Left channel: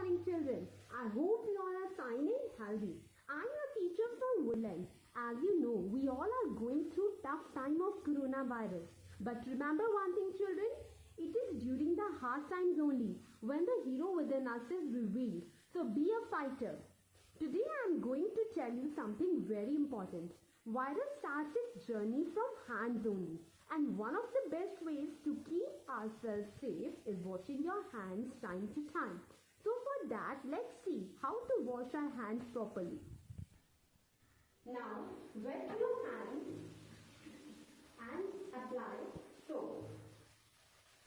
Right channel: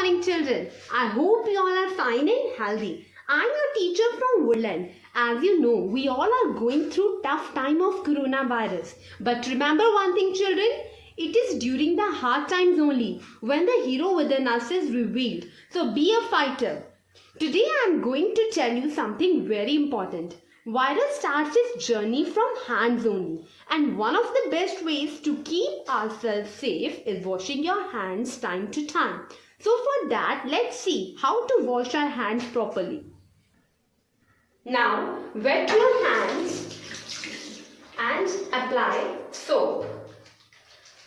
morning, children. I hope you all are fine and healthy. I'm your teacher from Woodland. As you know, we all are going through tough time of coronavirus. But remember one thing, children. It is during the hard times only when the hero within us is revealed. So be a fighter. Today I am going to tell you something very important. Virus starts its journey from hands only, and one of the best ways to keep ourselves safe is washing your hands time to time. So for that, let's see how to wash our hands properly. Now wet your hands and apply soap.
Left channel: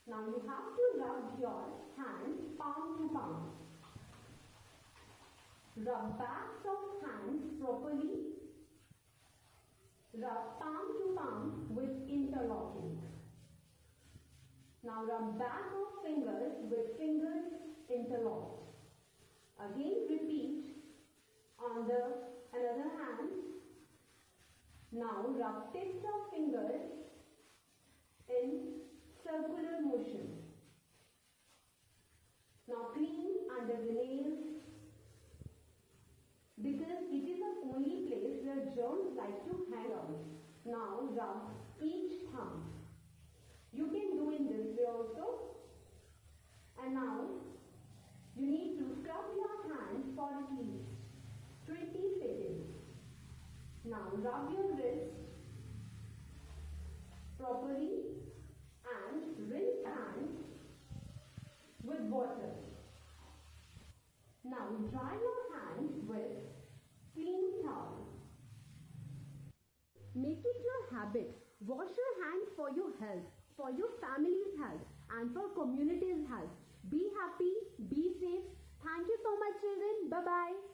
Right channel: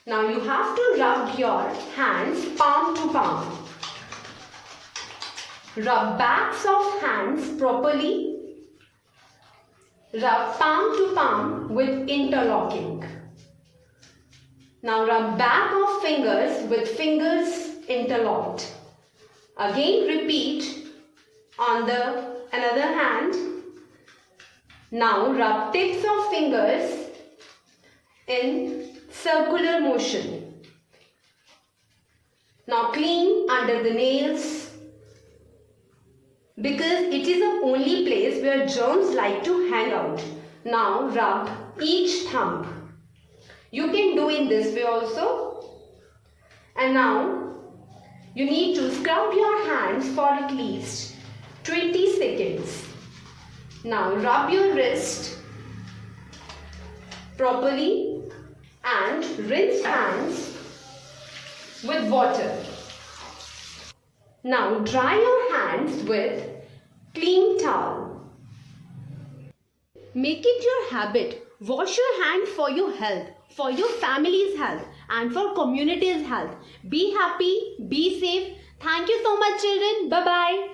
Now you have to rub your hands palm to palm. Rub backs of hands properly. Rub palm to palm with interlocking. Now rub back of fingers with fingers interlocked. Again repeat on the another hand. Now rub tips of fingers in circular motion. Now clean under the nails, because it is the only place where germs like to hang out. Now rub each thumb. You can do in this way also. And now you need to scrub your hands for at least 20 seconds. Now rub your wrist properly and rinse hands with water. Now dry your hands with clean towel. Make it your habit. Wash your hands for your health, for your family's health, and for community's health. Be happy, be safe. Thank you so much, children. Bye-bye.